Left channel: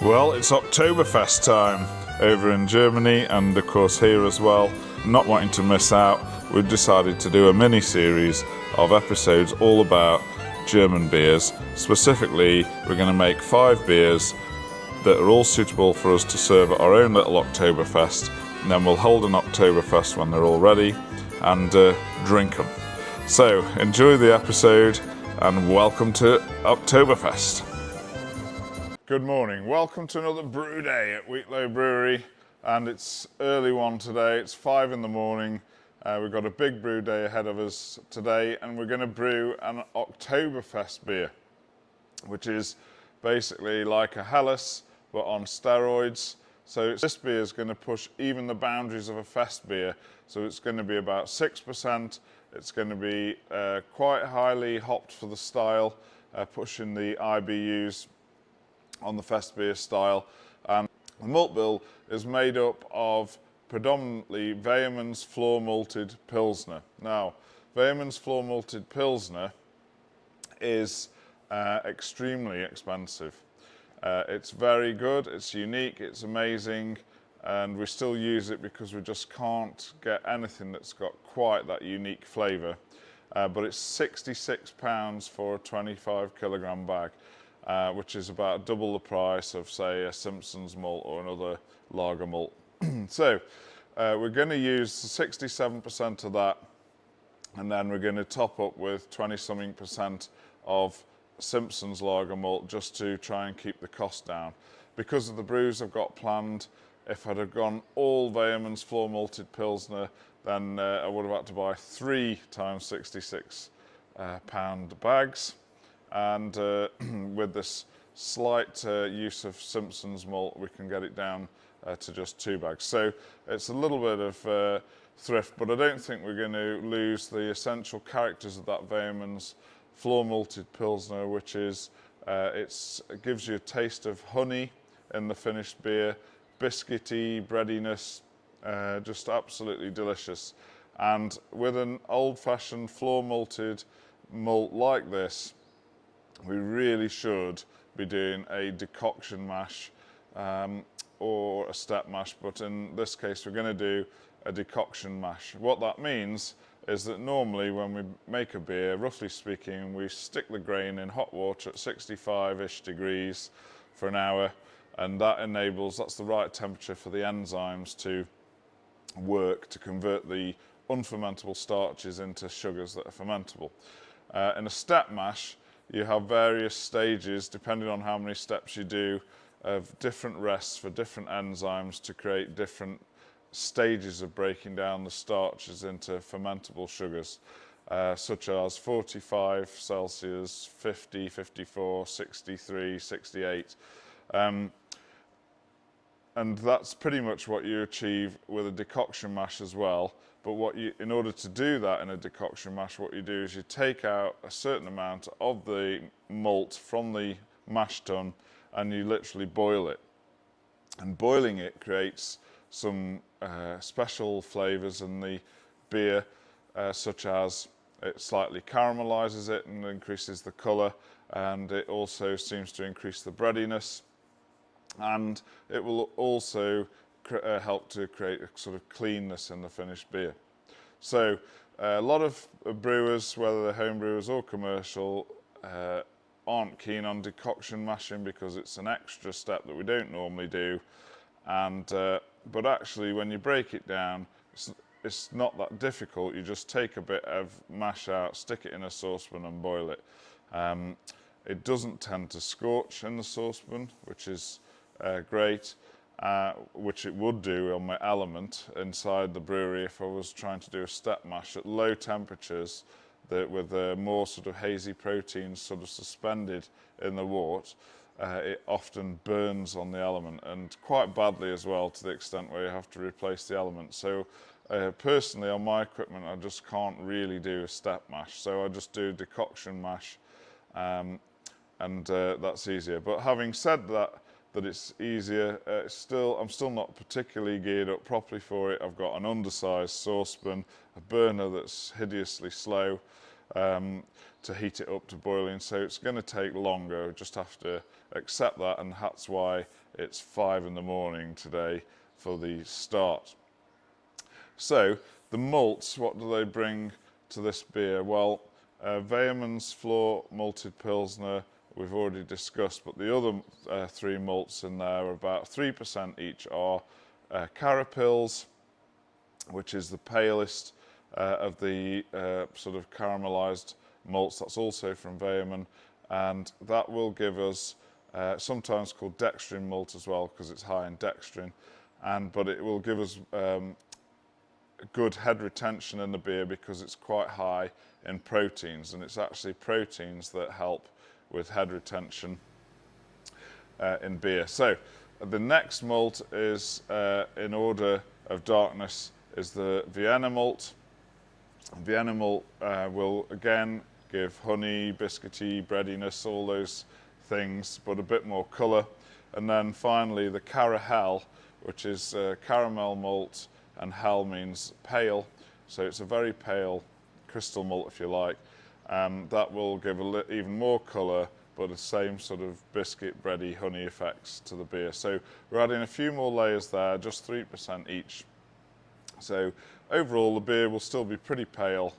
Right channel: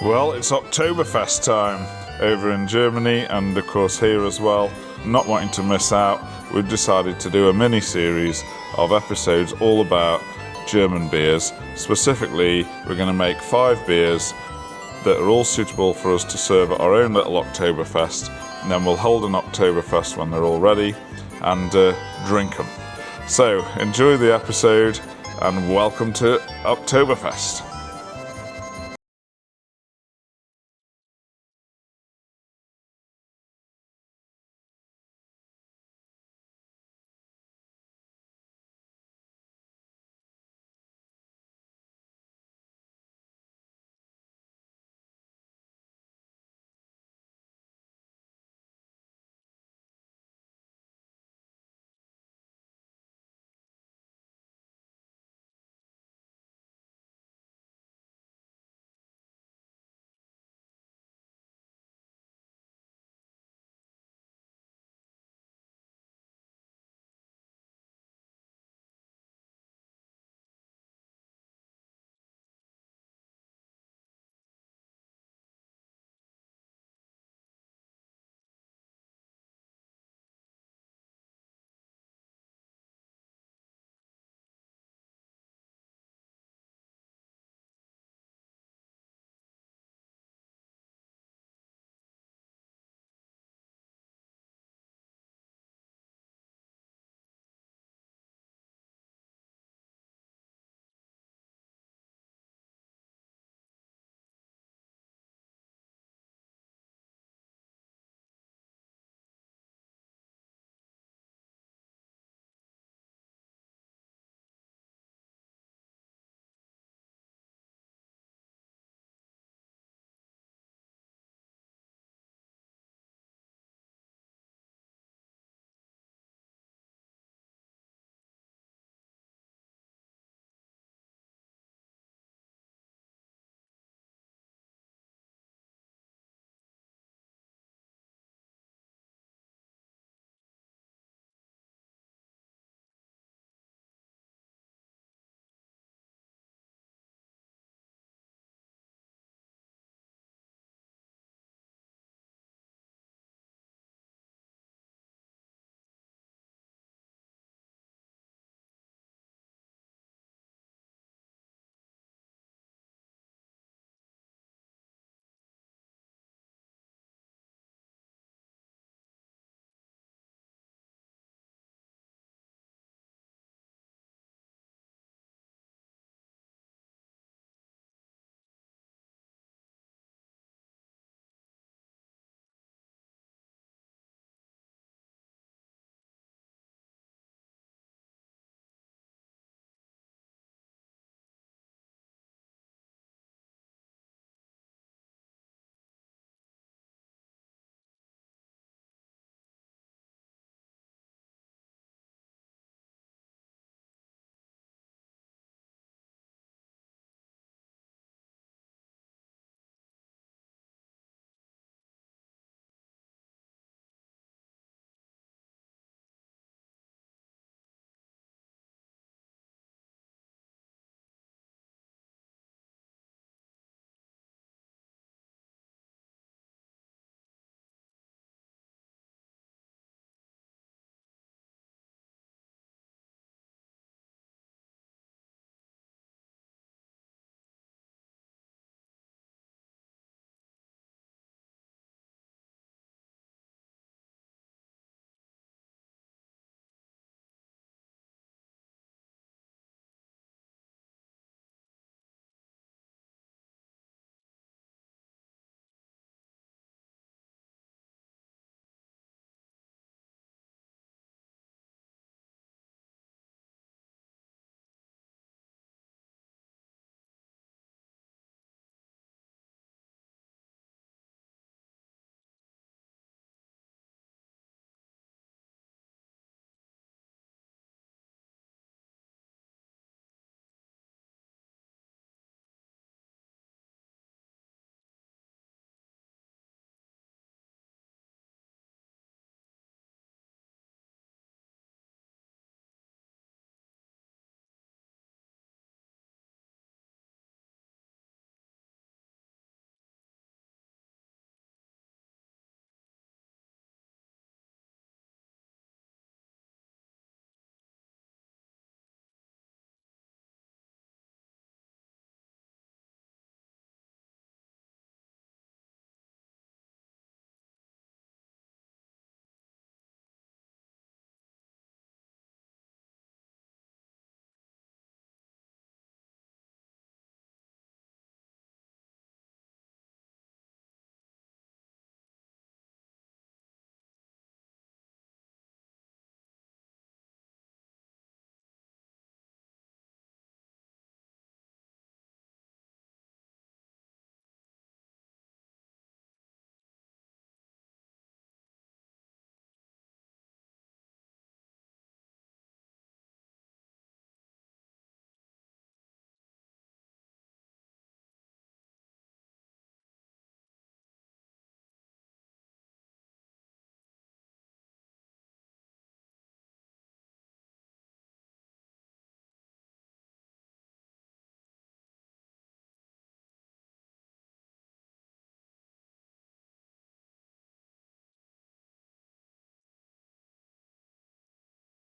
Well, it's Octoberfest time over in Germany and of course here as well. Not wanting to miss out, we've decided to do a mini-series of episodes all about German beers. Specifically, we're going to make 5 beers that are all suitable for us to serve at our own little Oktoberfest, and then we'll hold an Oktoberfest when they're all ready and drink them. So, enjoy the episode and welcome to Oktoberfest. Good morning, welcome to another brew day at Wheatlow Brewery, and it's early one today. It's 5 in the morning. We've got a big brew day ahead of us today, and we're going to brew an Oktoberfest beer, which is basically like a Helles but on steroids. So this beer is going to push even the boundaries of a Festbier. So it's going to be about 6%. It's going to be quite highly hopped for the style, pushing the IBUs on the Festbier style. And the malt bill is made up of predominantly Weyermann's floor malted Pilsner. Now, Weyermann's floor malted Pilsner is extremely expensive. It's very good, it's unique, it's amazing, and we still use it because we just can't get anything that's got quite that unique flavour. But it's £66 for a 25 kilogram bag. Which is about double the price of, say, a Simpson's malt or another lager malt. So we're going to use 67% of that, and then we're going to top up with 20-something% of Simpson's lager malt just to try and keep the cost down. Because of the brews I've got planned, if I'd have gone all Weyermann's floor malted Pilsner, then I would have had to buy 3 times 66 pound bags. And with this slight use of Simpson's malt, we can get it down to just 2 bags. So it's a little bit of thrift, but I don't think we're going to lose the essential characters of that Weyermann's floor malted Pilsner, which is it gives you a taste of honey in the finished beer, biscuity, breadiness, just absolutely delicious. And with an old-fashioned floor malted malt like this, we really should be doing a decoction mash or a step mash, but in this case we're going to do a decoction mash. What that means is that normally when we make a beer, roughly speaking, we stick the grain in hot water at 65-ish degrees for an hour, and that's the right temperature for the enzymes to work to convert the unfermentable starches into sugars that are fermentable. In a step mash, you have various stages, depending on how many steps you do, of different rests for different enzymes to create different stages of breaking down the starches into fermentable sugars, such as 45 Celsius, 50, 54, 63, 68. And that's pretty much what you achieve with a decoction mash as well. But in order to do that in a decoction mash, what you do is you take out a certain amount of the malt from the mash tun and you literally boil it. And boiling it creates some special flavours in the beer, such as it slightly caramelizes it and increases the colour, and it also seems to increase the breadiness, and it will also help to create a sort of cleanness in the finished beer. So a lot of brewers, whether they're home brewers or commercial, aren't keen on decoction mashing because it's an extra step that we don't normally do. And but actually, when you break it down, it's not that difficult. You just take a bit of mash out, stick it in a saucepan and boil it. It doesn't tend to scorch in the saucepan, which is great. Which it would do on my element inside the brewery if I was trying to do a step mash at low temperatures with more sort of hazy proteins sort of suspended in the wort. It often burns on the element, and quite badly as well, to the extent where you have to replace the element. So personally on my equipment I just can't really do a step mash, so I just do decoction mash, and that's easier. But having said that it's easier, I'm still not particularly geared up properly for it. I've got an undersized saucepan, a burner that's hideously slow to heat it up to boiling, so it's going to take longer. I just have to accept that, and that's why it's 5 in the morning today for the start. So the malts, what do they bring to this beer? Well, Weyermann's floor malted Pilsner we've already discussed, but the other 3 malts in there are about 3% each are Carapils, which is the palest of the sort of caramelized malts. That's also from Weyermann, and that will give us sometimes called dextrin malt as well because it's high in dextrin, but it will give us good head retention in the beer because it's quite high in proteins, and it's actually proteins that help with head retention in beer. So the next malt is in order of darkness is the Vienna malt. Vienna malt will again give honey, biscuity, breadiness, all those things, but a bit more colour. And then finally the Carahel, which is caramel malt, and hell means pale, so it's a very pale crystal malt if you like. That will give even more colour, but the same sort of biscuit, bready, honey effects to the beer. So we're adding a few more layers there, just 3% each. So overall the beer will still be pretty pale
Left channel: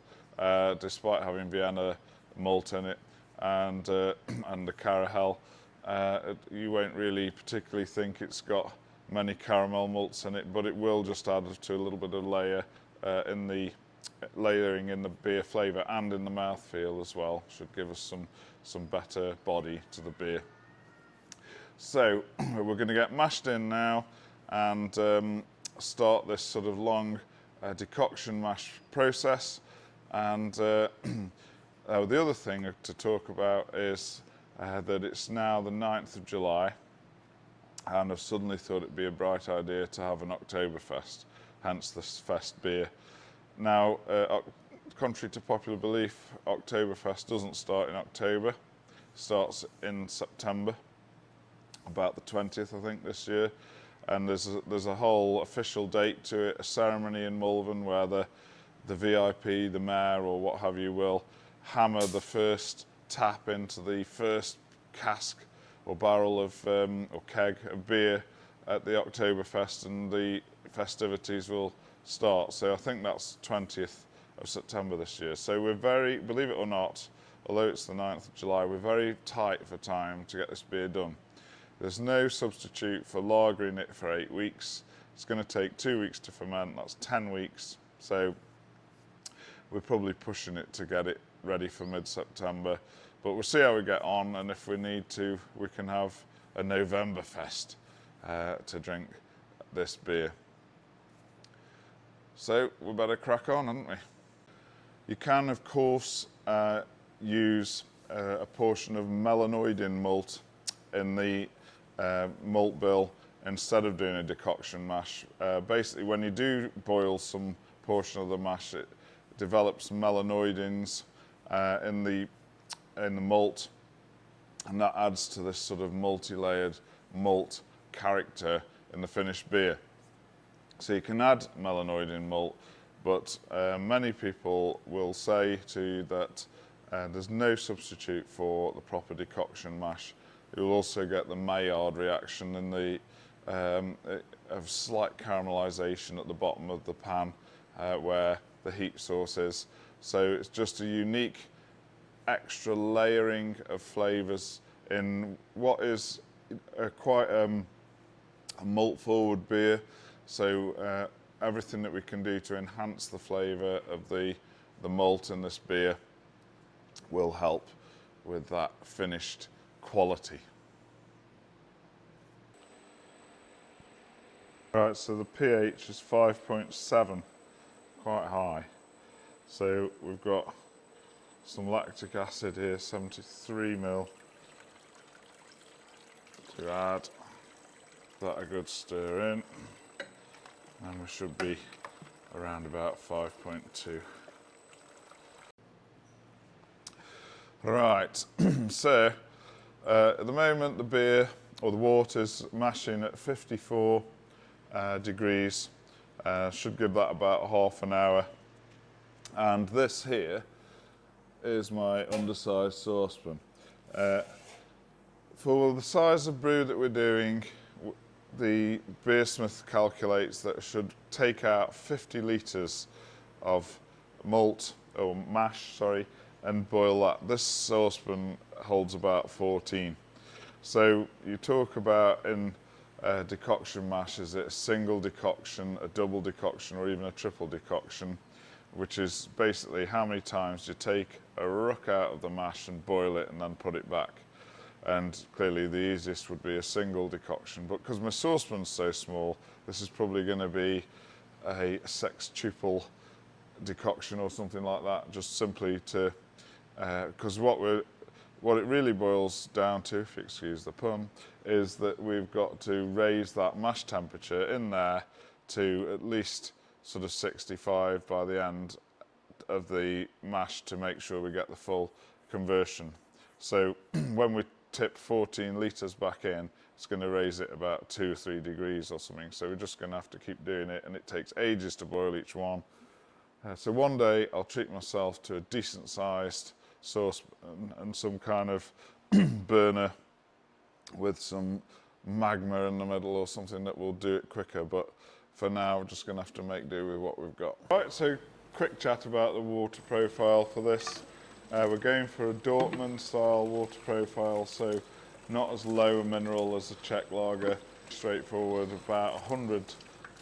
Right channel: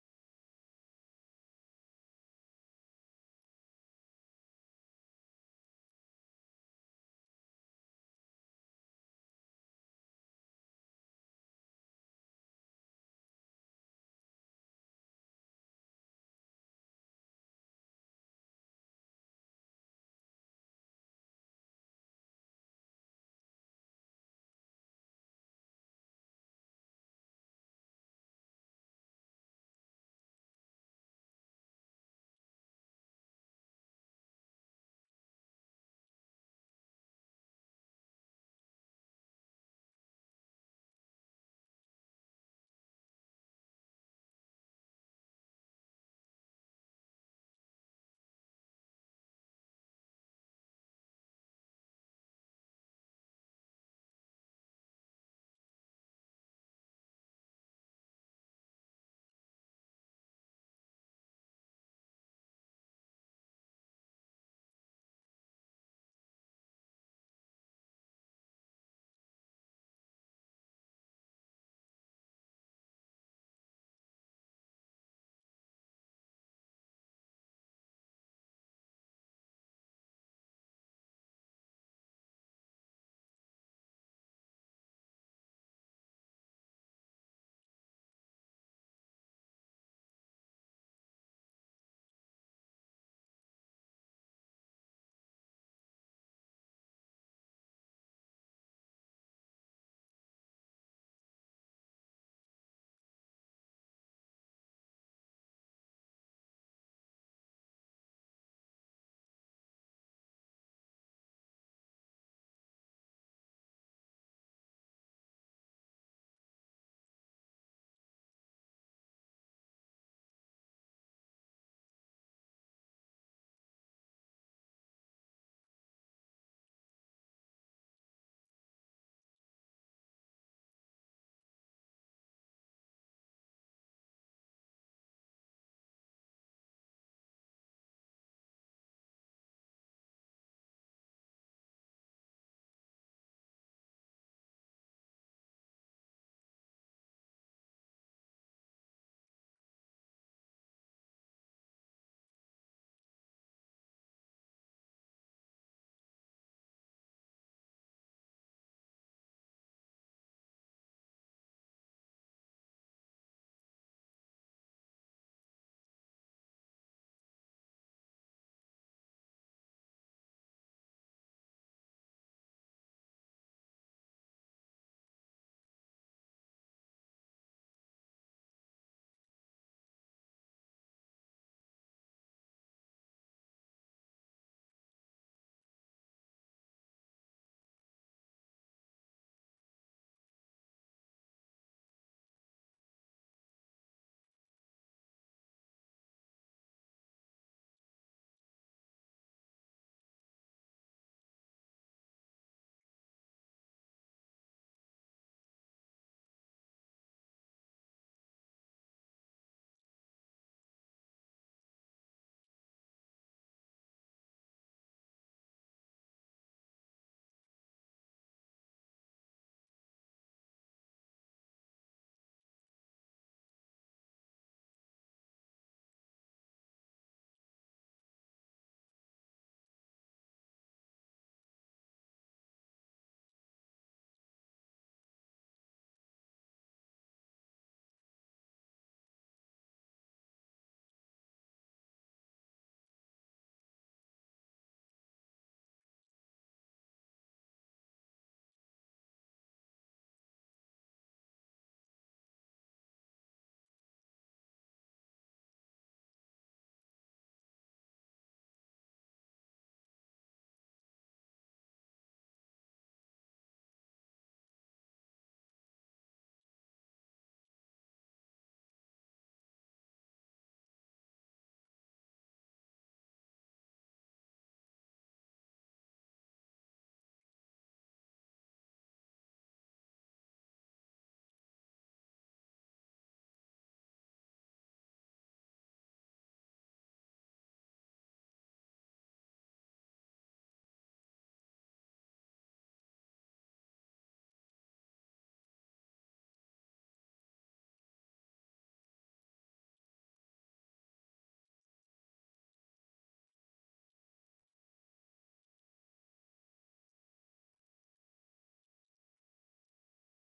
despite having Vienna malt in it and the Carahel. You won't really particularly think it's got many caramel malts in it, but it will just add to a little bit of layering in the beer flavour and in the mouthfeel as well. Should give us some better body to the beer. So we're going to get mashed in now and start this sort of long decoction mash process. And the other thing to talk about is that it's now the 9th of July, and I've suddenly thought it'd be a bright idea to have an Octoberfest, hence this Festbier. Now, contrary to popular belief, Octoberfest doesn't start in October, it starts in September, about the 20th I think this year, and there's a whole official date to it, a ceremony in Malvern where the VIP, the mayor or what have you, will hammer the first tap into the first cask or barrel of or keg of beer at the Oktoberfest, and the festivities will start. So I think that's 20th of September this year. So we're very, believe it or not, although it's the 9th of July, we're very tight for time to get this beer done. There's no substitute for lagering it for 8 weeks. It's going to take 2 weeks to ferment, that's 10 weeks. So we're probably pushing it to get it ready for mid-September. But we'll see how we get on, and if we need to, we can have a Novemberfest to drink this beer. So we better crack on, haven't we? You can, of course, use a portion of melanoidin malt in the malt bill instead of doing a decoction mash. Basically, when you do boil some portion of the mash, it develops melanoidins in the malt, and that adds to this sort of multi-layered malt character in the finished beer. So you can add melanoidin malt, but many people will say to you that there's no substitute for the proper decoction mash. You'll also get the Maillard reaction in the of slight caramelization at the bottom of the pan where the heat source is. So it's just a unique extra layering of flavours in what is quite a malt forward beer. So everything that we can do to enhance the flavour of the malt in this beer will help with that finished quality. Right, so the pH is 5.7, quite high. So we've got some lactic acid here, 73 ml, to add. That a good stir in, and we should be around about 5.2. Right, so at the moment the beer or the water's mashing at 54 degrees. Should give that about half an hour. And this here is my undersized saucepan. For the size of brew that we're doing, the beersmith calculates that it should take out 50 litres of malt, or mash, sorry, and boil that. This saucepan holds about 14. So you talk about in decoction mash, is it a single decoction, a double decoction, or even a triple decoction, which is basically how many times you take a ruck out of the mash and boil it and then put it back. And clearly the easiest would be a single decoction, but because my saucepan's so small, this is probably going to be a sextuple decoction or something like that, just simply to, because what it really boils down to, if you excuse the pun, is that we've got to raise that mash temperature in there to at least sort of 65 by the end of the mash to make sure we get the full conversion. So when we tip 14 litres back in, it's going to raise it about 2 or 3 degrees or something. So we're just going to have to keep doing it, and it takes ages to boil each one. So one day I'll treat myself to a decent sized sauce and some kind of burner with some magma in the middle or something that will do it quicker, but for now we're just going to have to make do with what we've got. Right, so quick chat about the water profile for this. We're going for a Dortmund style water profile, so not as low a mineral as a Czech lager, straightforward, about 100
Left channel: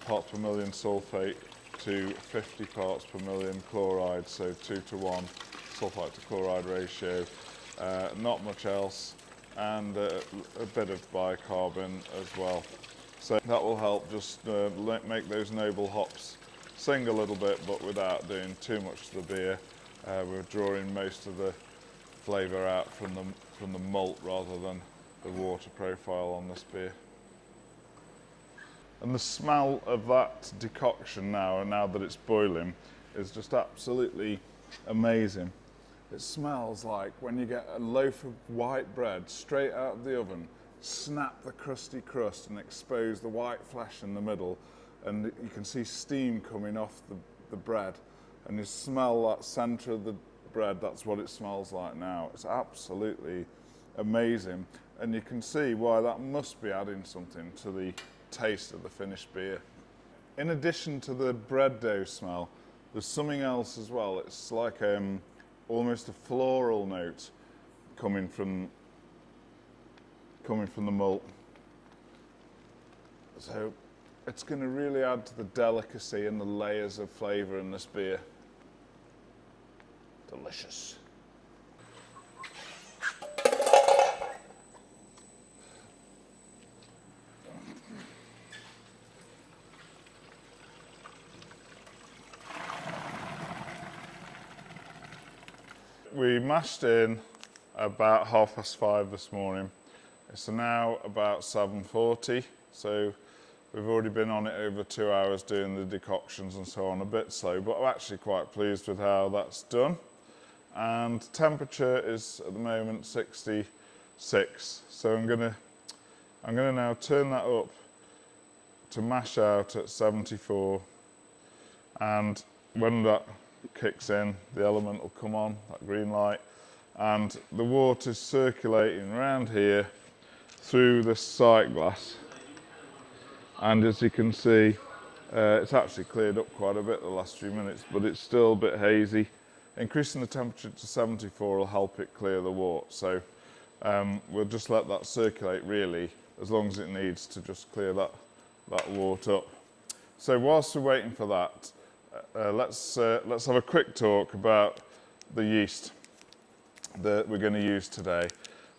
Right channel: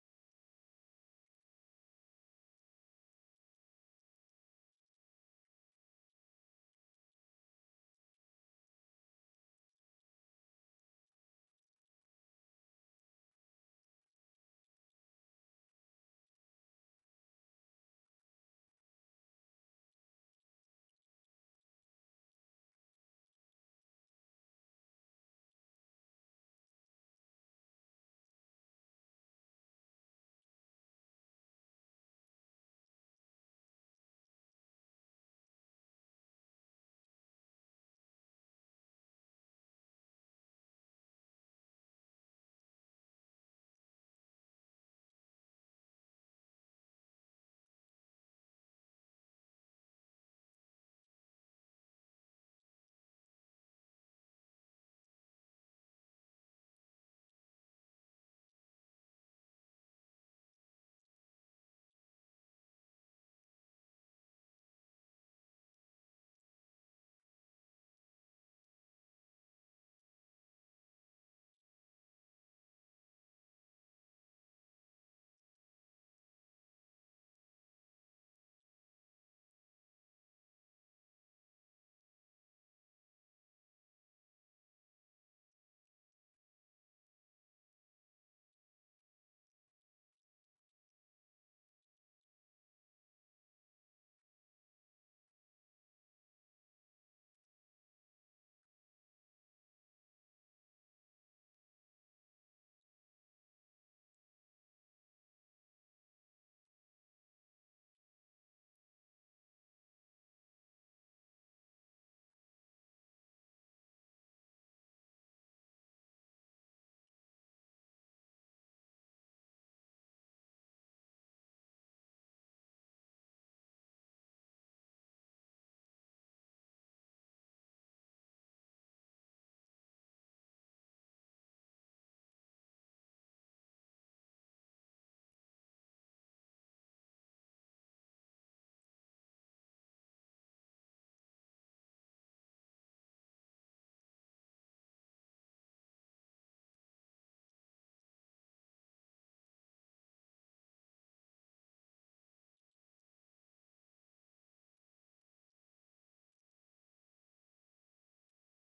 parts per million sulfate to 50 parts per million chloride, so 2 to 1 sulfite to chloride ratio, not much else, and a bit of bicarbon as well. So that will help just make those noble hops sing a little bit, but without doing too much to the beer. We're drawing most of the flavour out from the malt rather than the water profile on this beer. And the smell of that decoction now that it's boiling, is just absolutely amazing. It smells like when you get a loaf of white bread straight out of the oven, snap the crusty crust and expose the white flesh in the middle, and you can see steam coming off the bread, and you smell that centre of the bread. That's what it smells like now. It's absolutely amazing, and you can see why that must be adding something to the taste of the finished beer. In addition to the bread dough smell, there's something else as well. It's like almost a floral note coming from the malt. So it's going to really add to the delicacy and the layers of flavour in this beer. Delicious. We mashed in about 5:30 this morning. It's now about 7:40, so we've already been on it over 2 hours doing the decoctions and so on, a bit slow, but I'm actually quite pleased with how that's done. And temperature is at the moment 66, so I'm gonna now turn that up to mash out at 74, and when that kicks in, the element will come on, that green light, and the water's circulating around here through this sight glass, and as you can see, it's actually cleared up quite a bit the last few minutes, but it's still a bit hazy. Increasing the temperature to 74 will help it clear the wort, so we'll just let that circulate really as long as it needs to just clear that wort up. So whilst we're waiting for that, let's have a quick talk about the yeast that we're going to use today.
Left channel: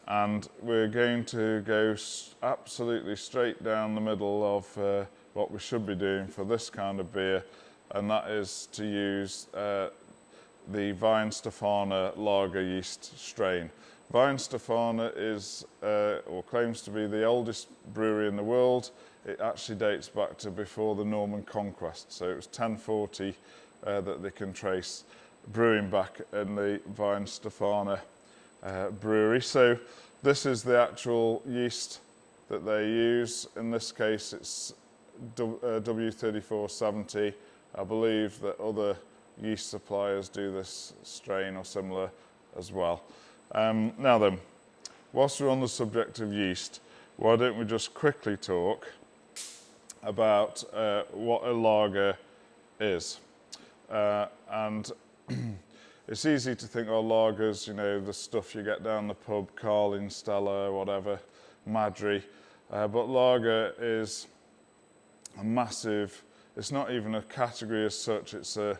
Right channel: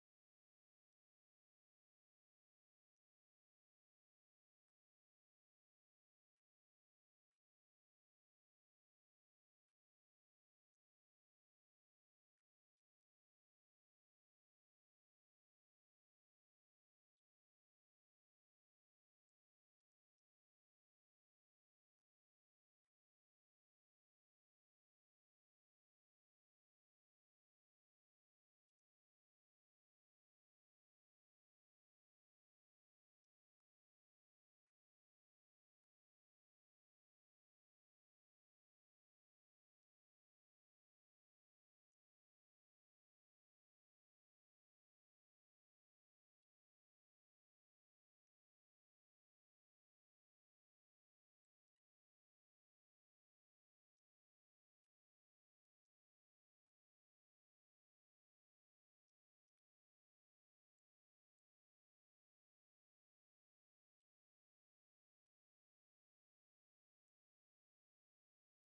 And we're going to go absolutely straight down the middle of what we should be doing for this kind of beer, and that is to use the Weihenstephaner lager yeast strain. Weihenstephaner is, or claims to be, the oldest brewery in the world. It actually dates back to before the Norman Conquest, so it was 1040 that they can trace brewing back in the Weihenstephaner brewery. So this is the actual yeast that they use. In this case it's W3470. I believe that other yeast suppliers do this strain or similar as well. Now then, whilst we're on the subject of yeast, why don't we just quickly talk about what a lager is. And it's easy to think, oh, lagers, you know, the stuff you get down the pub, Carling, Stella, whatever, Madry. But lager is a massive, it's not even a category as such, it's a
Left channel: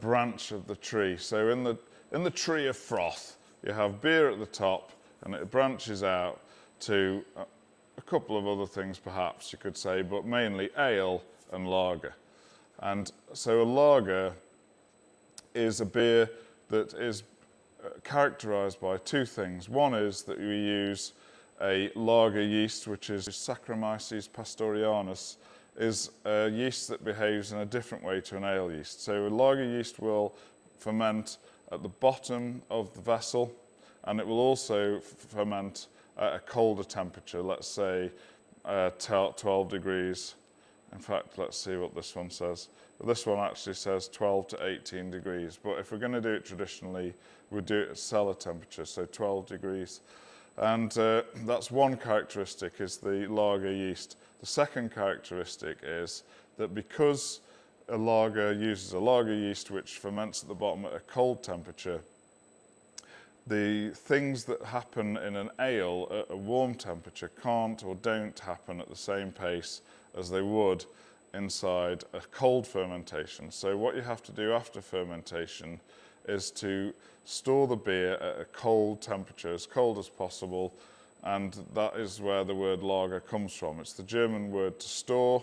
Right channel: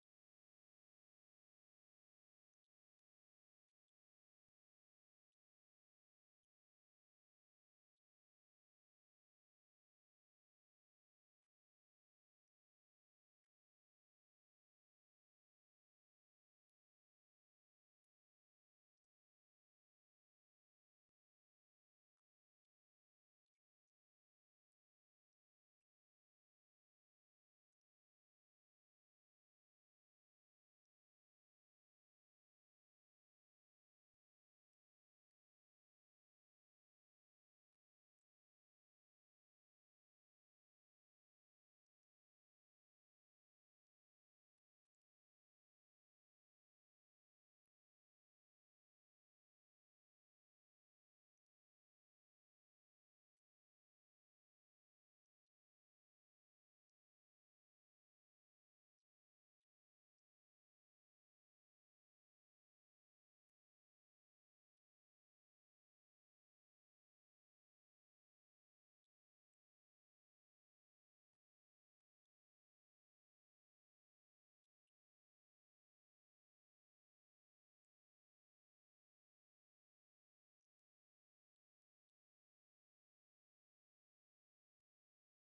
branch of the tree. So in the tree of froth, you have beer at the top, and it branches out to a couple of other things perhaps you could say, but mainly ale and lager. And so a lager is a beer that is characterized by two things. One is that we use a lager yeast, which is Saccharomyces pastorianus, is a yeast that behaves in a different way to an ale yeast. So a lager yeast will ferment at the bottom of the vessel, and it will also ferment at a colder temperature, let's say 12 degrees. In fact, let's see what this one says. This one actually says 12 to 18 degrees, but if we're going to do it traditionally, we'd do it at cellar temperature, so 12 degrees. And that's one characteristic, is the lager yeast. The second characteristic is that because a lager uses a lager yeast which ferments at the bottom at a cold temperature, the things that happen in an ale at a warm temperature can't or don't happen at the same pace as they would inside a cold fermentation. So what you have to do after fermentation is to store the beer at a cold temperature, as cold as possible, and that is where the word lager comes from. It's the German word to store.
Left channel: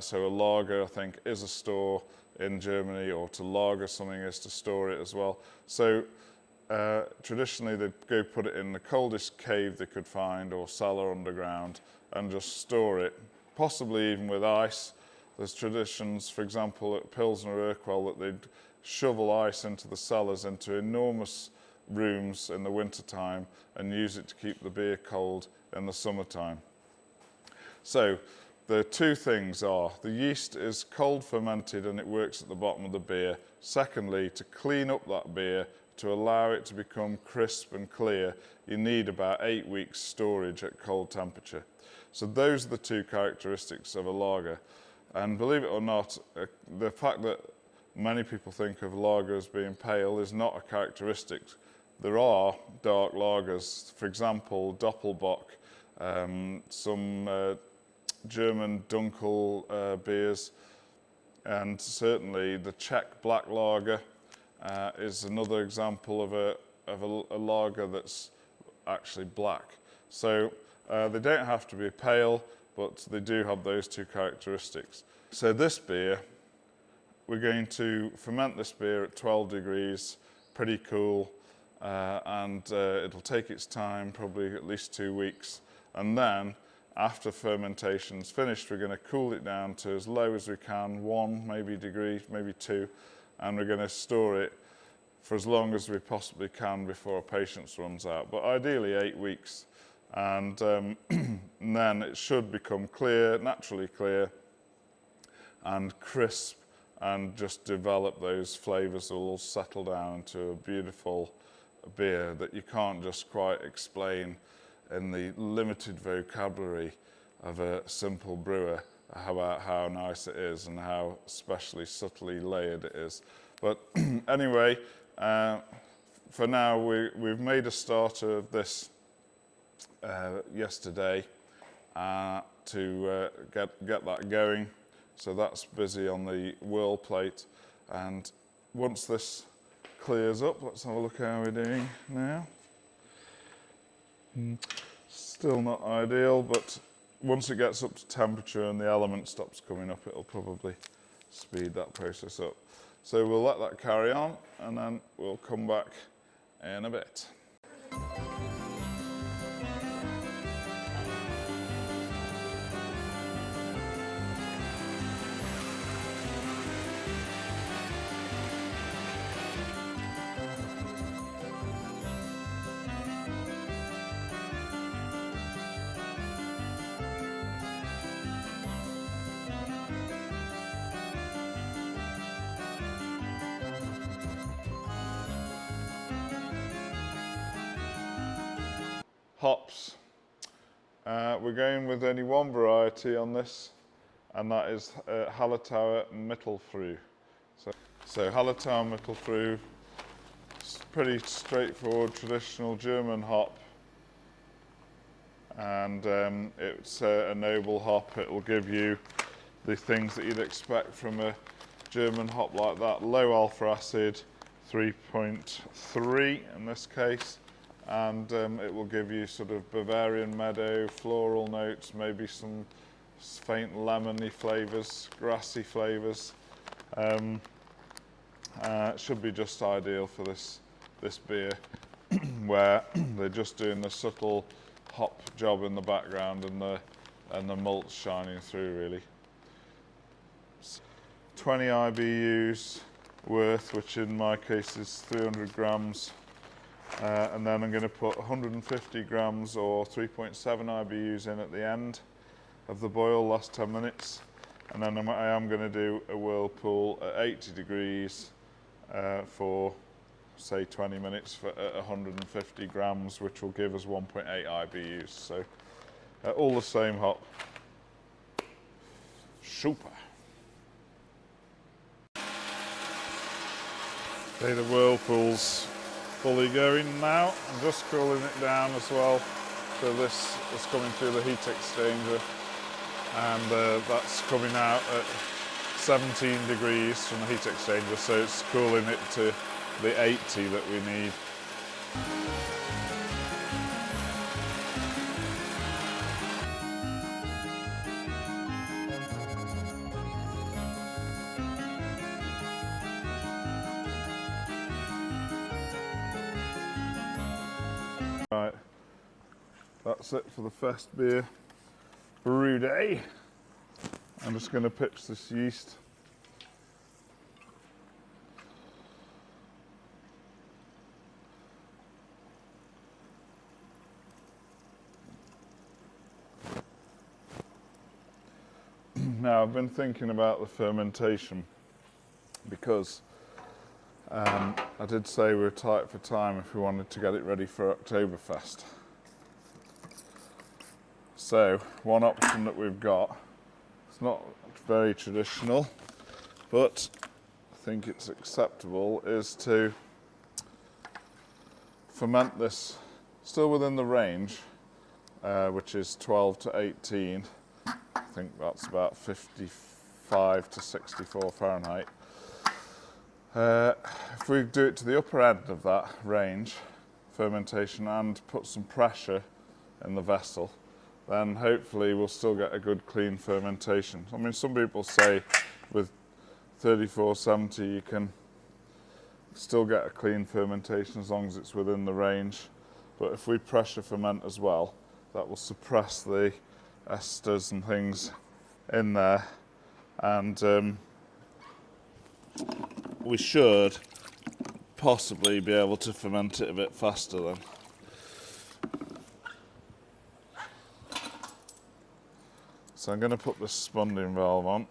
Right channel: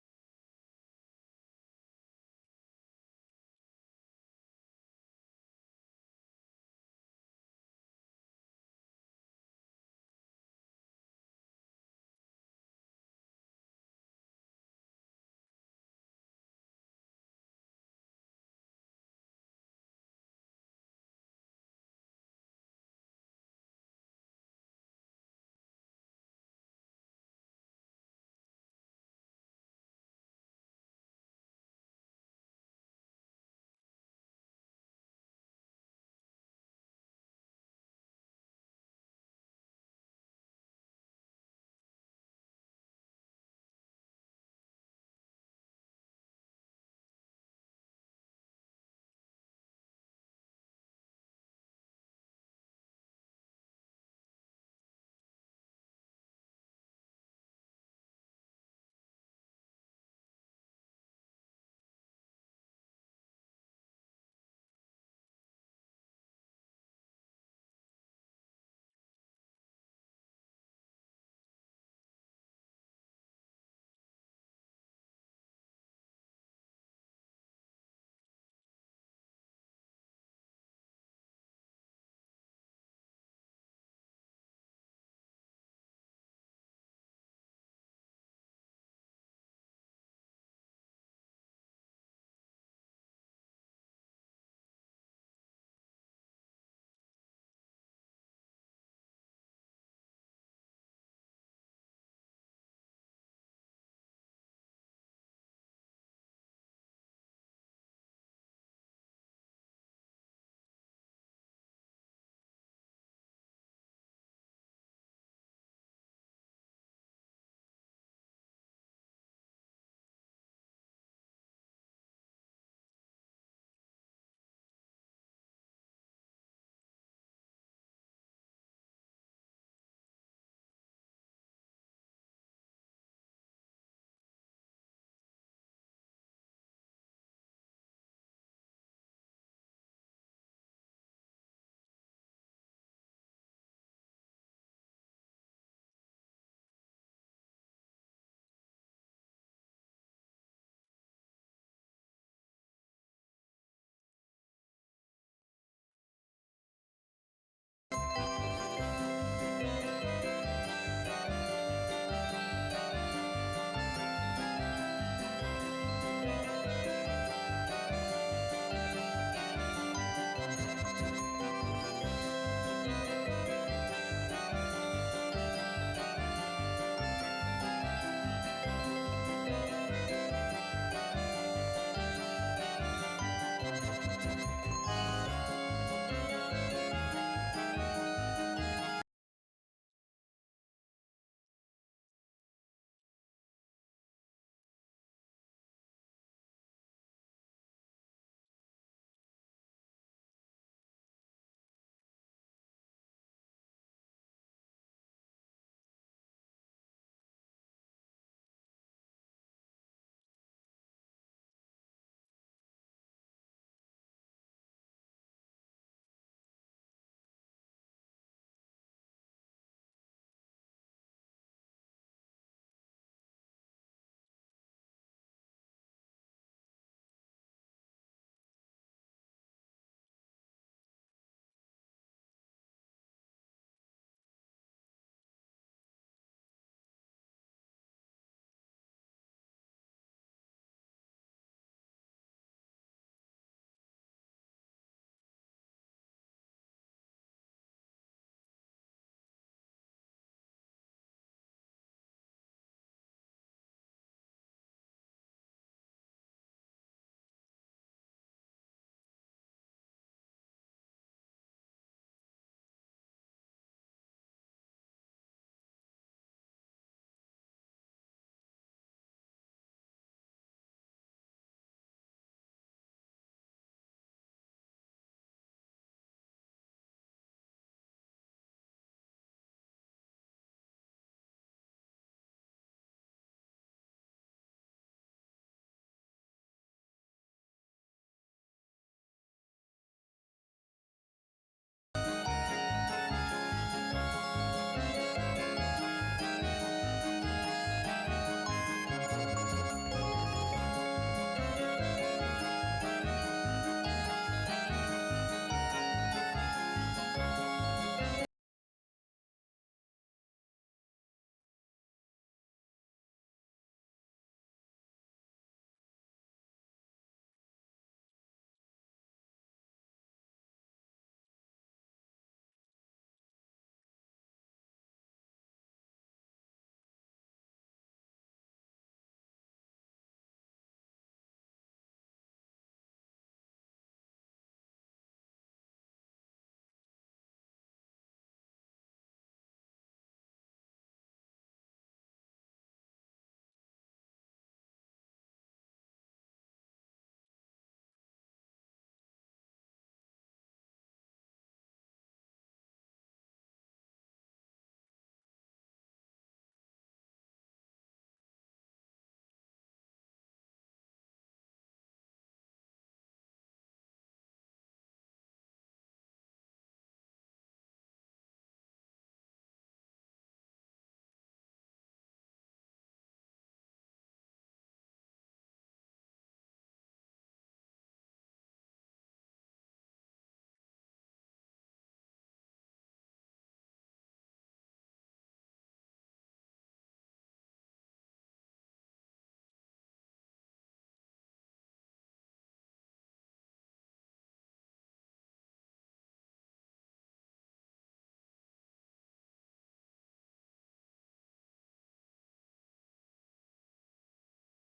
So a lager, I think, is a store in Germany, or to lager something is to store it as well. So traditionally they'd go put it in the coldest cave they could find, or cellar underground, and just store it, possibly even with ice. There's traditions, for example, at Pilsner Urquell, that they'd shovel ice into the cellars, into enormous rooms in the wintertime, and use it to keep the beer cold in the summertime. So the two things are, the yeast is cold fermented and it works at the bottom of the beer. Secondly, to clean up that beer, to allow it to become crisp and clear, you need about 8 weeks storage at cold temperature. So those are the two characteristics of a lager. And believe it or not, the fact that many people think of lager as being pale is not a characteristic. There are dark lagers, for example, Doppelbock, some German Dunkel beers, and certainly the Czech black lager is another example of a lager that's actually black. So they don't have to be pale, but they do have those two characteristics. So this beer, we're going to ferment this beer at 12 degrees, pretty cool, and it'll take its time, probably at least 2 weeks. And then, after fermentation's finished, we're going to cool it down to as low as we can, 1 maybe degree, maybe 2, and we're going to store it for as long as we possibly can before our patience runs out, but ideally 8 weeks. And then it should become clear, naturally clear, and crisp, and just develop those flavours that will all settle down into a beautiful beer that you can't just quite explain in the limited vocabulary of a simple brewer about how nice it is and how especially subtly layered it is. But anyway, for now we've made a starter of this yesterday to get that going. So that's busy on the whirl plate, and once this clears up, let's have a look how we're doing now. Still not ideal, but once it gets up to temperature and the element stops coming up, it'll probably speed that process up. So we'll let that carry on, and then we'll come back in a bit. Hops. We're going with only one variety on this and that is Hallertauer Mittelfrüh. So Hallertauer Mittelfrüh, it's pretty straightforward, traditional German hop, and it's a noble hop. It will give you the things that you'd expect from a German hop like that. Low alpha acid, 3.3 in this case, and it will give you sort of Bavarian meadow, floral notes, maybe some faint lemony flavours, grassy flavours. It should be just ideal for this beer, where they're just doing the subtle hop job in the background and the malts shining through really. 20 IBUs worth, which in my case is 300 grams, and then I'm going to put 150 grams or 3.7 IBUs in at the end of the boil, last 10 minutes, and then I am going to do a whirlpool at 80 degrees for say 20 minutes for 150 grams, which will give us 1.8 IBUs. So all the same hop. Super. Okay, the whirlpool's fully going now. I'm just cooling it down as well. So this is coming through the heat exchanger, and that's coming out at 17 degrees from the heat exchanger, so it's cooling it to the 80 that we need. Right, that's it for the Festbier brew day. I'm just going to pitch this yeast. Now, I've been thinking about the fermentation because I did say we were tight for time if we wanted to get it ready for Octoberfest. So, one option that we've got, it's not very traditional, but I think it's acceptable, is to ferment this still within the range, which is 12 to 18. I think that's about 55 to 64 Fahrenheit. If we do it to the upper end of that range, fermentation, and put some pressure in the vessel, then hopefully we'll still get a good clean fermentation. I mean, some people say with 3470 you can still get a clean fermentation as long as it's within the range, but if we pressure ferment as well, that will suppress the esters and things in there, and we should possibly be able to ferment it a bit faster then. So I'm going to put this spunding valve on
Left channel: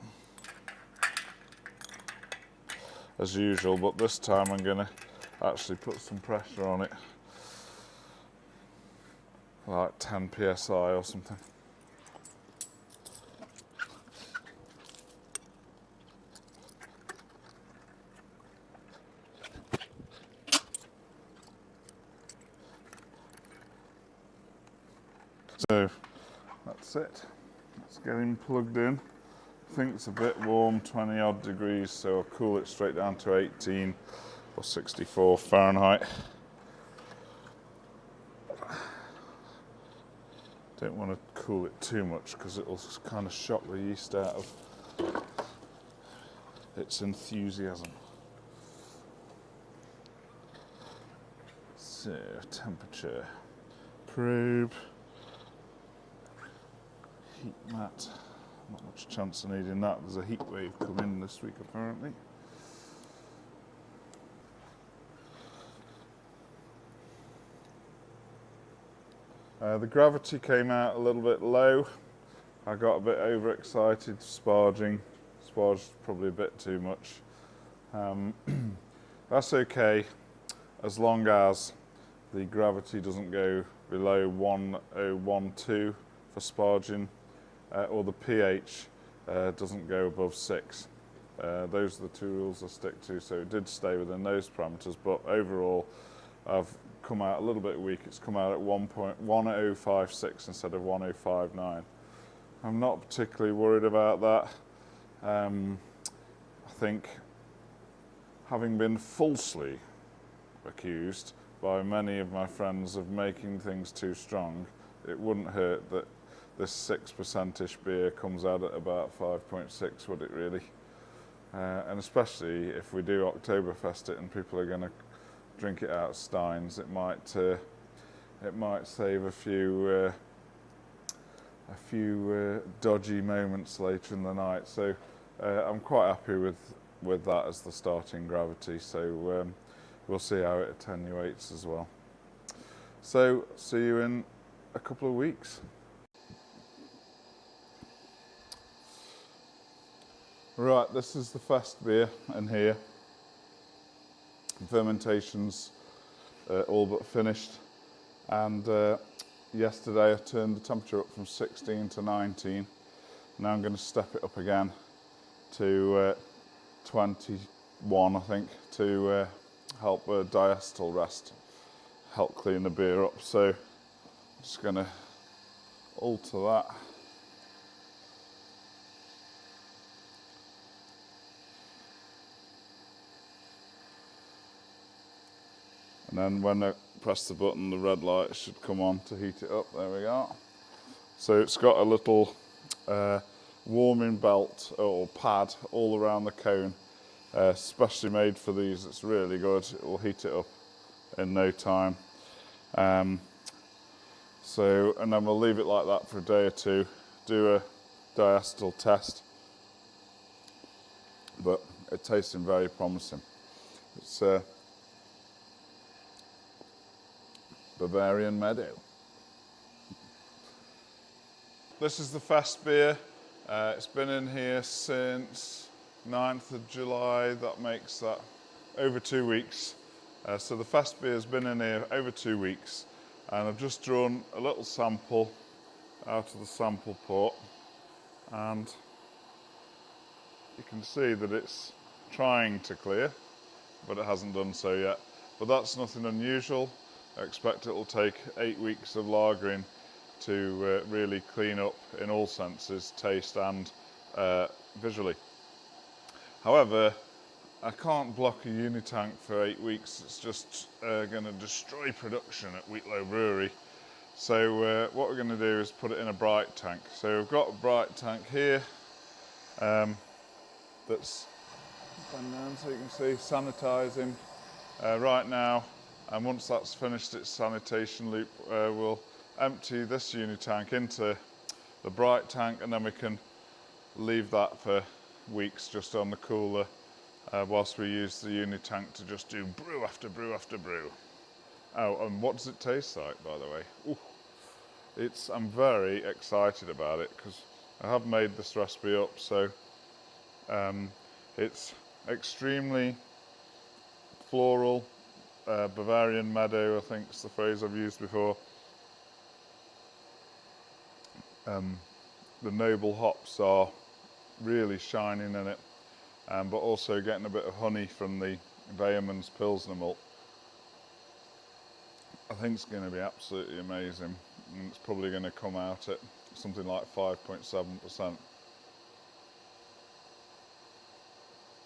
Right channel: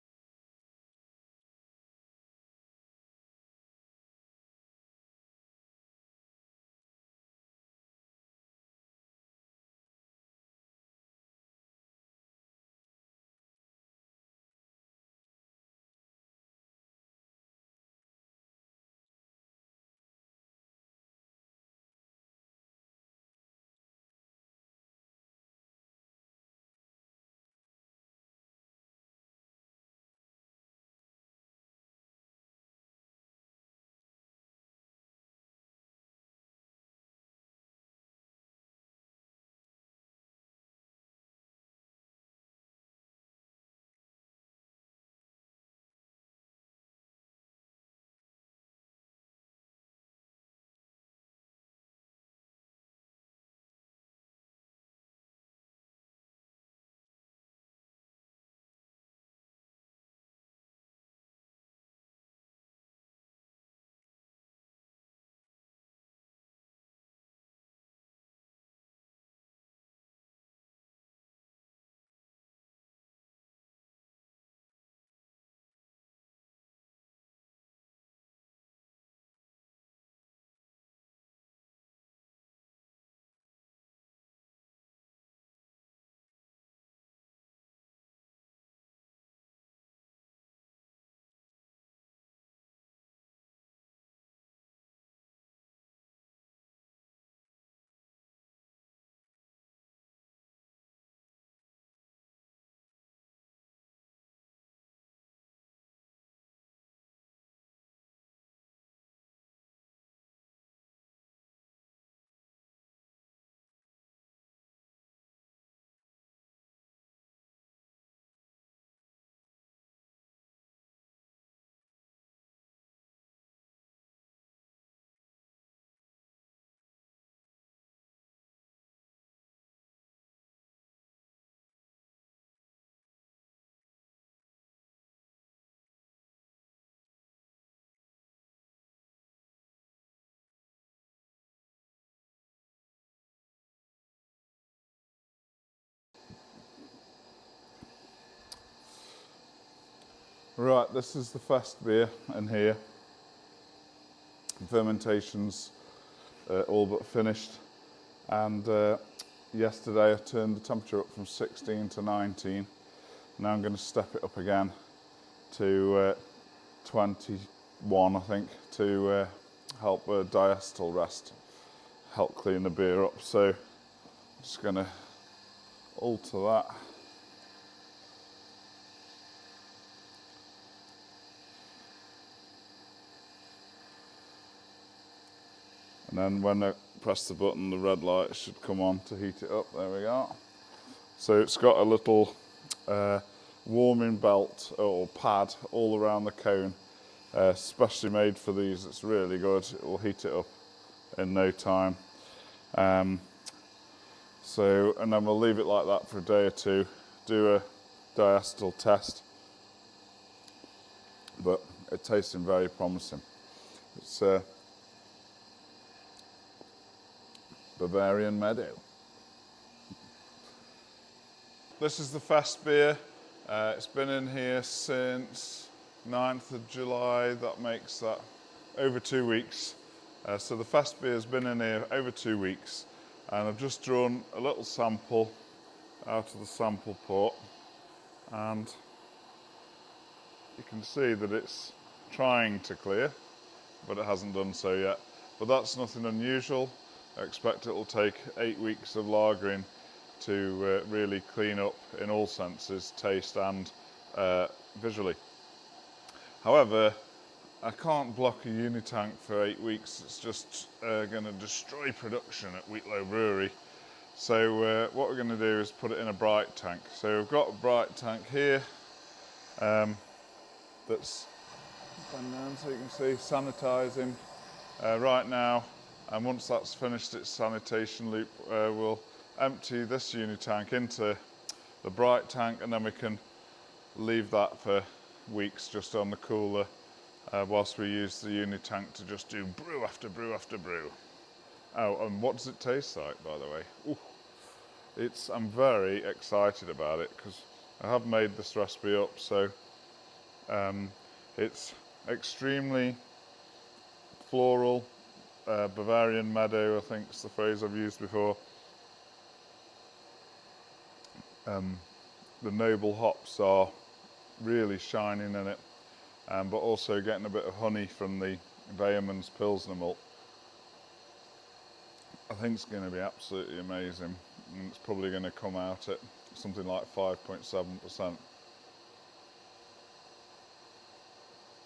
as usual, but this time I'm going to actually put some pressure on it, like 10 psi or something. So that's it. Let's get him plugged in. I think it's a bit warm, 20 odd degrees, so I'll cool it straight down to 18 or 64 Fahrenheit. Don't want to cool it too much because it'll kind of shock the yeast out of its enthusiasm. So, temperature, probe, heat mat. Not much chance of needing that. There's a heat wave coming this week apparently. The gravity came out a little bit low. I got a bit overexcited sparging. Sparged probably a bit too much. That's okay as long as the gravity doesn't go below 1012 for sparging, or the pH doesn't go above 6. Those are the 2 rules I stick to, so it did stay within those parameters, but overall I've come out a little bit weak. It's come out at 1.1056 instead of 1059. I'm not particularly worried about that. I think, having been falsely accused by many of my friends of making things too strong, it wouldn't hurt that this 6%ish beer comes out at about 5.6, would it really? And especially if we do Octoberfest it and people are going to drink it out of steins, it might save a few dodgy moments later in the night. So I'm quite happy with that as the starting gravity. So we'll see how it attenuates as well. So see you in a couple of weeks. Right, this is the Festbier in here. Fermentation's all but finished, and yesterday I turned the temperature up from 16 to 19. Now I'm going to step it up again to 21, I think, to help diacetyl rest, help clean the beer up. So I'm just going to alter that. And then when I press the button, the red light should come on to heat it up. There we go. So it's got a little warming belt or pad all around the cone, specially made for these. It's really good. It will heat it up in no time. And then we'll leave it like that for a day or two, do a diacetyl test. But it's tasting very promising. It's Bavarian Meadow. This is the Festbier. It's been in here since 9th of July. That makes that over 2 weeks. So the Festbier has been in here over 2 weeks, and I've just drawn a little sample out of the sample pot, and you can see that it's trying to clear, but it hasn't done so yet. But that's nothing unusual. I expect it will take 8 weeks of lagering to really clean up in all senses, taste and visually. However, I can't block a unitank for 8 weeks. It's just going to destroy production at Wheatlow Brewery. So what we're going to do is put it in a bright tank. So we've got a bright tank here that's gone down so you can see, sanitising right now. And once that's finished its sanitation loop, we'll empty this unitank into the bright tank, and then we can leave that for weeks just on the cooler whilst we use the unitank to just do brew after brew after brew. Oh, and what does it taste like, by the way? Ooh, I'm very excited about it because I have made this recipe up, so it's extremely floral. Bavarian Meadow, I think is the phrase I've used before. The noble hops are really shining in it, but also getting a bit of honey from the Weyermann's Pilsner malt. I think it's going to be absolutely amazing, and it's probably going to come out at something like 5.7%.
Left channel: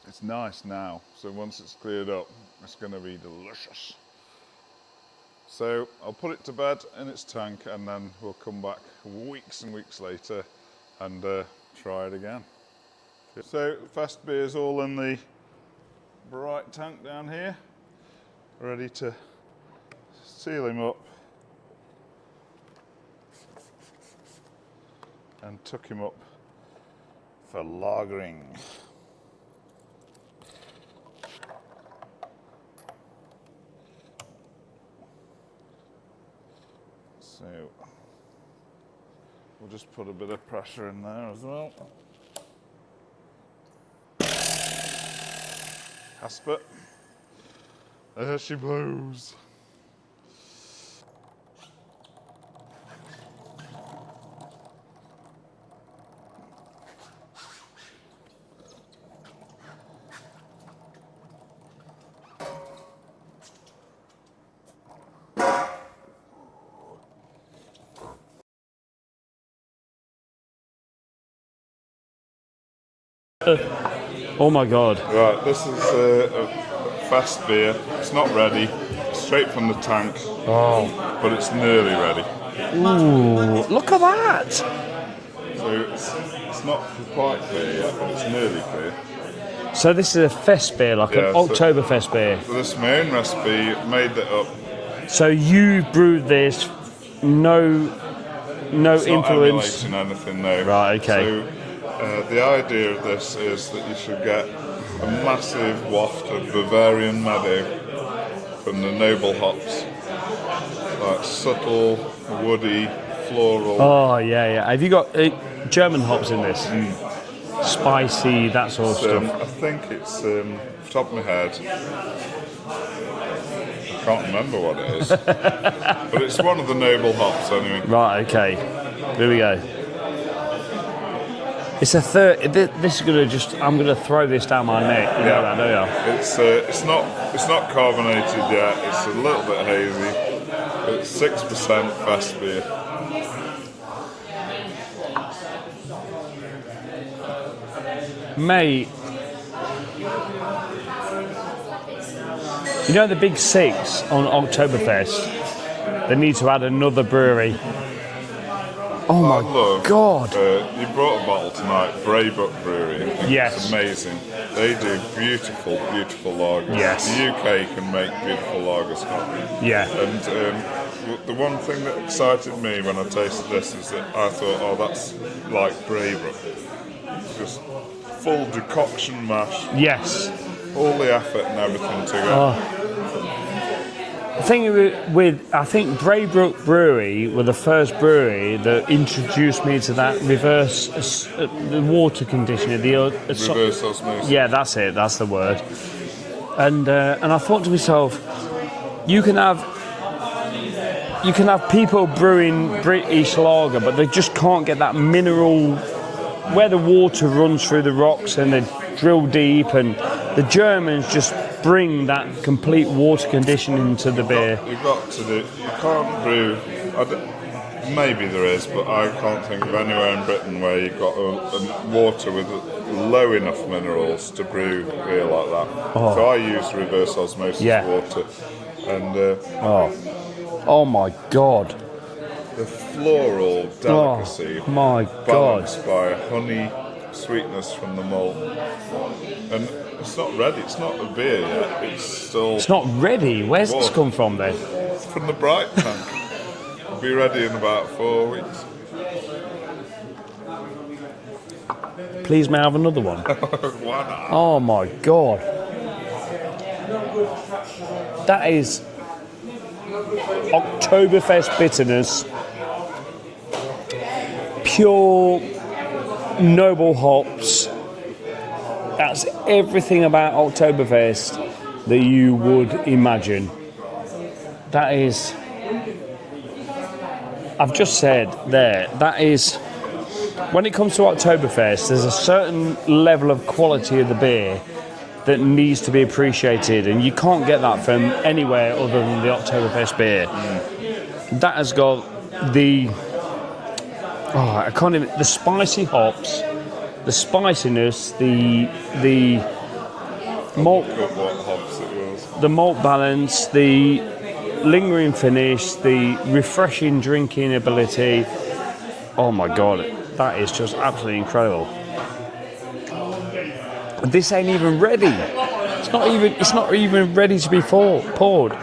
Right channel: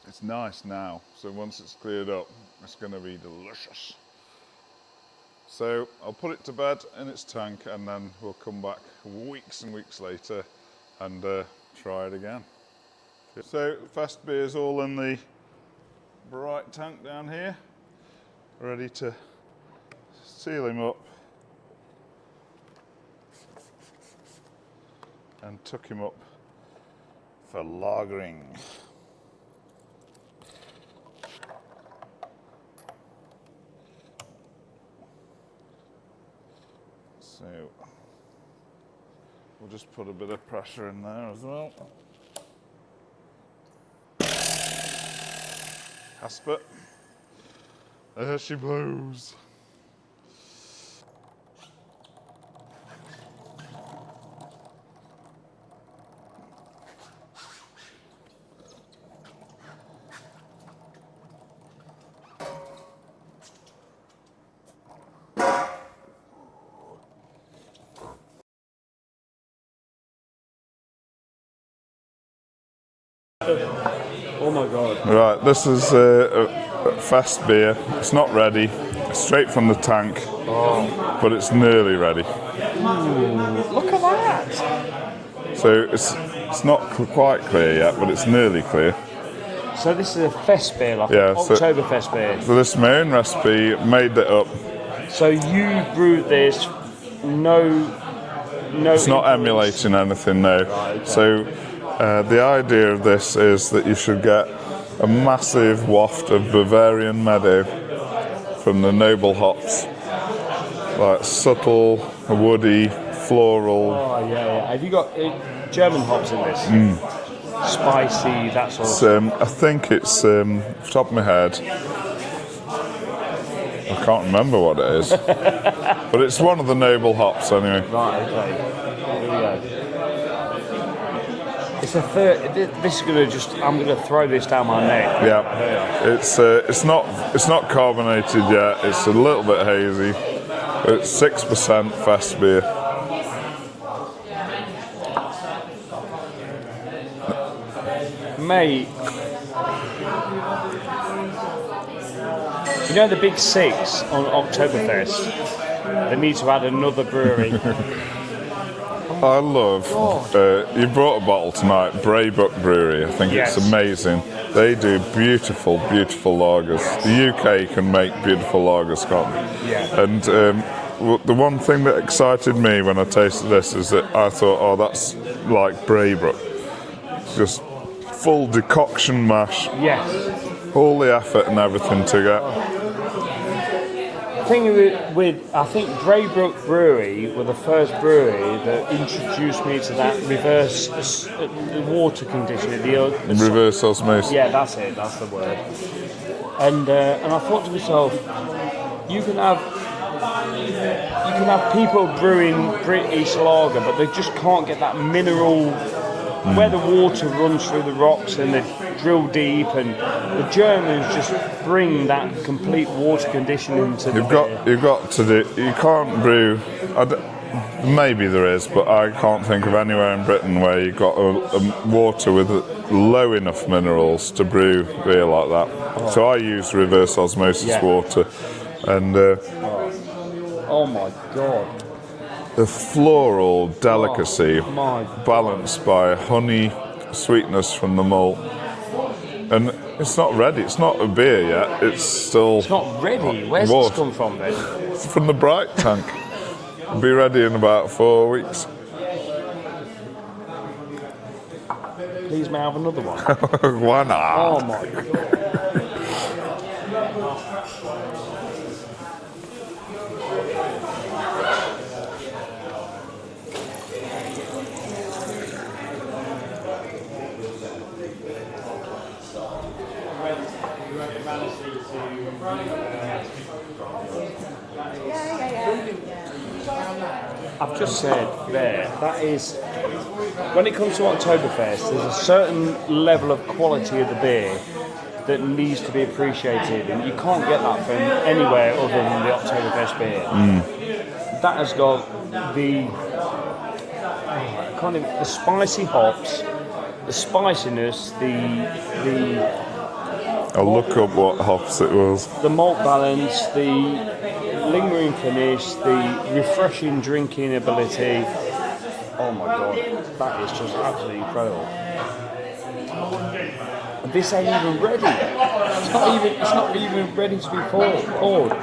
It's nice now, so once it's cleared up, it's going to be delicious. So I'll put it to bed in its tank, and then we'll come back weeks and weeks later and try it again. So Festbier is all in the bright tank down here, ready to seal him up and tuck him up for lagering. So we'll just put a bit of pressure in there as well. Casper, there she blows. Oh my god. Right, this is a Festbier. It's not ready. It's straight from the tank, but it's nearly ready. Ooh, look at that. So it's not quite clear yet, but it's nearly clear. So this is a Festbier, like an Octoberfest beer. So this is my own recipe, made it up. So you brewed this, no It's not influence. emulating anything, no. Right, okay. So the idea of this is that you should get a massive waft of Bavarian meadow from the noble hops, like subtle, woody, floral. Oh yeah. Have you got German hops in this? Spicy, that sort of stuff. I think it's, off the top of my head, I can't remember what it is, but it's one of the noble hops anyway. Right, okay. Here we go. It's a third. This is gonna I'm gonna throw this down my neck. Yeah. It's not carbonated yet. It's a little bit hazy. It's 6% Festbier. Mate, you know the big six on Octoberfest? They need to add another brewery. I love. God. You brought a bottle tonight, Wheatlow Brewery. I think Yes. it's amazing. They do beautiful, beautiful lagers. Yes. The UK can make beautiful lagers, can't they? Yeah. And the one thing that excited me when I tasted this is that I thought, oh, that's like Wheatlow. Just full decoction mash, Yes. all the effort and everything together. The thing I think Wheatlow Brewery were the first brewery that introduced me to that reverse, the water conditioning. Reverse osmosis. Yeah, that's it. That's the word. And I thought to myself, you can have people brewing British lager, but they just can't get that mineral where the water runs through the rocks and they drill deep, and the Germans just bring that complete water conditioning to the beer. You've got to do. You can't brew. Maybe there is, but I can't think of anywhere in Britain where you've got a water with low enough minerals to brew beer like that. So I use reverse osmosis water, and oh my god. the floral delicacy, My balanced by honey, sweetness from the malt, and it's not ready. It's not a beer yet. It's still. It's not ready. Where's this come from then? It's from the bright tank. It'll be ready in about 4 weeks. Please, may I have another one? Why not? Oh my god. That is Octoberfest bitterness, pure noble hops. That's everything about Octoberfest that you would imagine. That is, I've just said there, that is, when it comes to Octoberfest, there's a certain level of quality of the beer that needs to be appreciated, and you can't get that from anywhere other than the Octoberfest beer. That has got the the spicy hops, the spiciness, I'll look up what hops it was. the malt balance, the lingering finish, the refreshing drinking ability. Oh my god, that is just absolutely incredible. This ain't even ready. It's not even ready to be poured.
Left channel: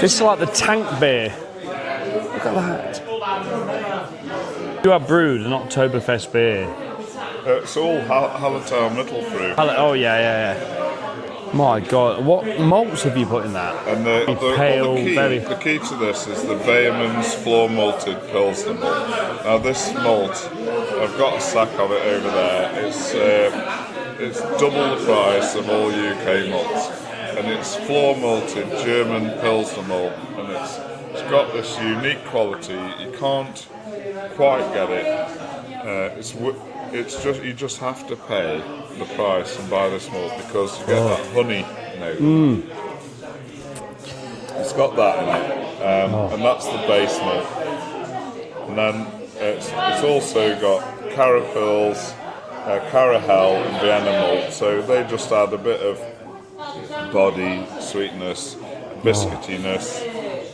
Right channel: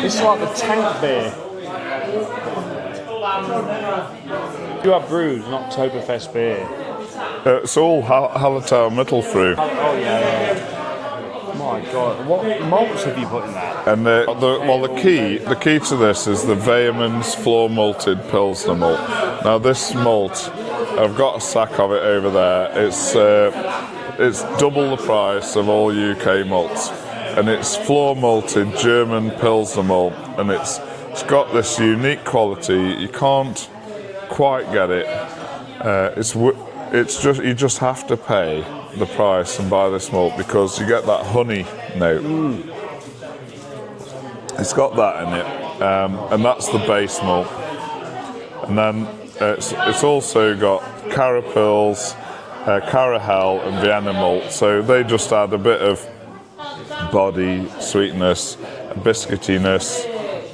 This is like the tank beer. Look at that. You have brewed an Oktoberfest beer. It's all Hallertau Mittelfrüh. Oh yeah. My god, what malts have you put in that? And the key to this is the Vehemens floor malted Pilsner malt. Now this malt, I've got a sack of it over there. It's double the price of all UK malts, and it's floor malted German Pilsner malt, and it's got this unique quality. You can't quite get it. It's just you just have to pay the price and buy this malt because you get that honey note. It's got that in it, and that's the base malt. And then it's also got carapils, Carahel and Vienna malt, so they just add a bit of body, sweetness, biscuitiness,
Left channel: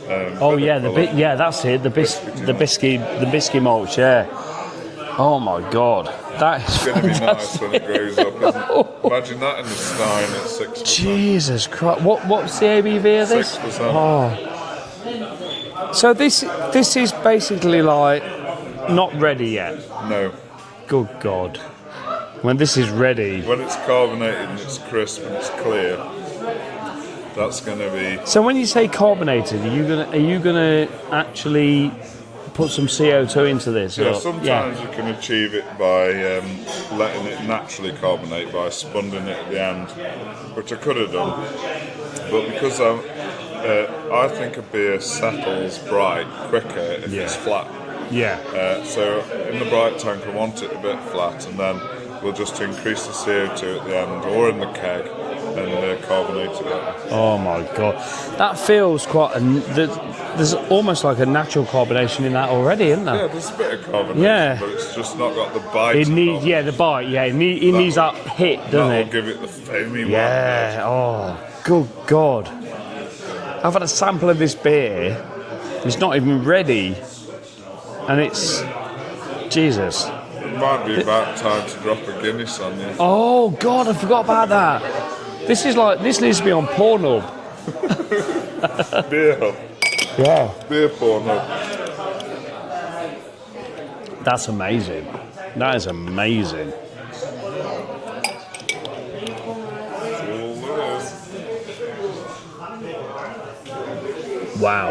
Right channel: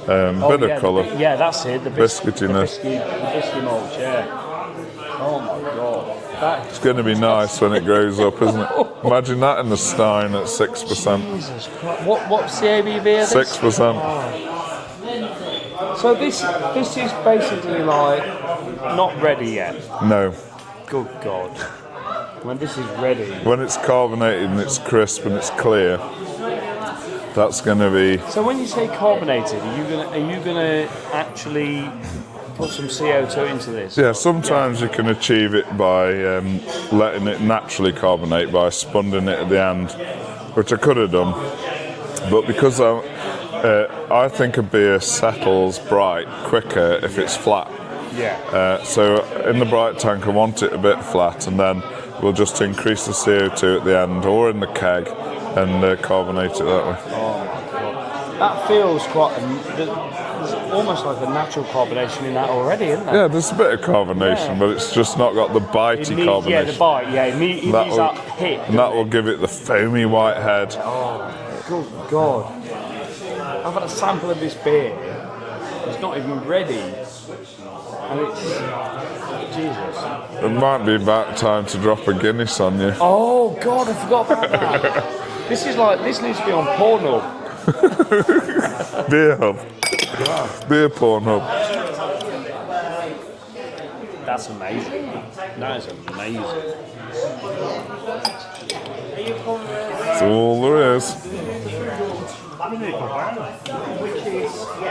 bit of colour. That's it. The biscuity malts. Yeah. Oh my God, it's going to be nice when it grows up, isn't it? Imagine that in the Stein at 6%. Jesus Christ! What's the ABV of this? 6%. Oh. So this is basically like not ready yet. No. Good God. When this is ready. When it's carbonated and it's crisp and it's clear, that's going to be. So when you say carbonated, are you gonna actually put some CO2 into this? Yeah, sometimes you can achieve it by letting it naturally carbonate by spunding it at the end, which I could have done. But because I think a beer settles bright quicker if it's flat. Yeah. So in the bright tank, I want it a bit flat, and then we'll just increase the CO2 at the end or in the keg and carbonate it that way. Oh my God, that feels quite. There's almost like a natural carbonation in that already, isn't there? Yeah, there's a bit of carbonation, but it's just not got the bitey carbonation. Yeah, the bite. Yeah, it needs that hit. That will give it the foamy white head. Oh, good God! I've had a sample of this beer. It's not even ready, and it's Jesus. It might be about time to drop a Guinness on you. Oh God, I forgot about that. This needs to be on Pornhub. Beer Hub. Yeah. Beer Pornhub. That's amazing. That is amazing. That's all there is. Wow.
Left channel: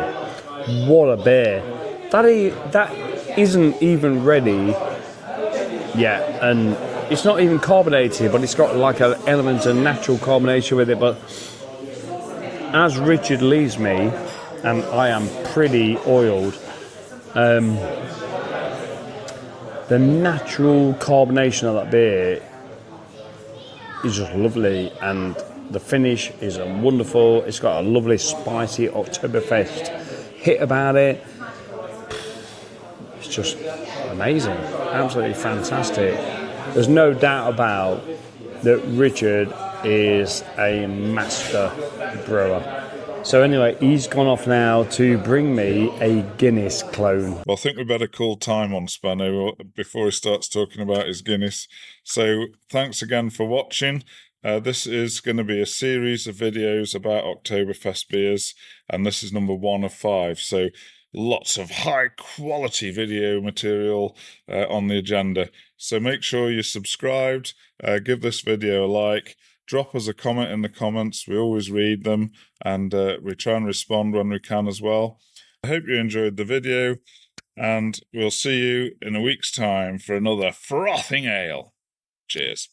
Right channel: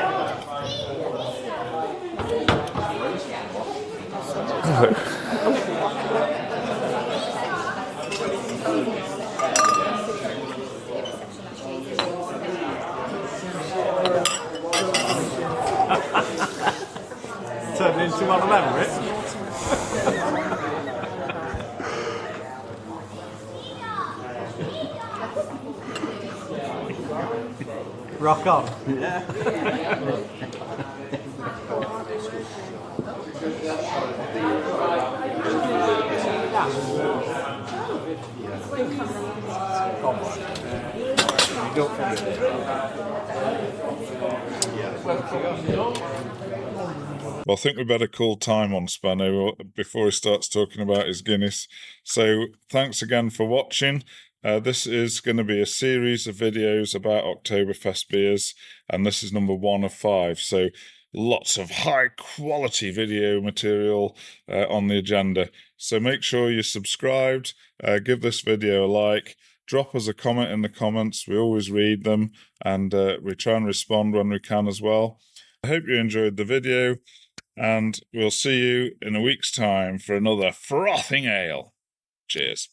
What a beer. That isn't even ready. Yeah, and it's not even carbonated, but it's got like an element of natural carbonation with it. But as Richard leaves me, and I am pretty oiled, the natural carbonation of that beer is just lovely, and the finish is wonderful. It's got a lovely spicy Octoberfest hit about it. It's just amazing, absolutely fantastic. There's no doubt about that Richard is a master brewer. So anyway, he's gone off now to bring me a Guinness clone. Well, I think we better call time on Spano before he starts talking about his Guinness. So thanks again for watching. This is going to be a series of videos about Oktoberfest beers, and this is number 1 of 5. So lots of high quality video material on the agenda. So make sure you're subscribed, give this video a like, drop us a comment in the comments. We always read them, and we try and respond when we can as well. I hope you enjoyed the video, and we'll see you in a week's time for another Frothing Ale. Cheers.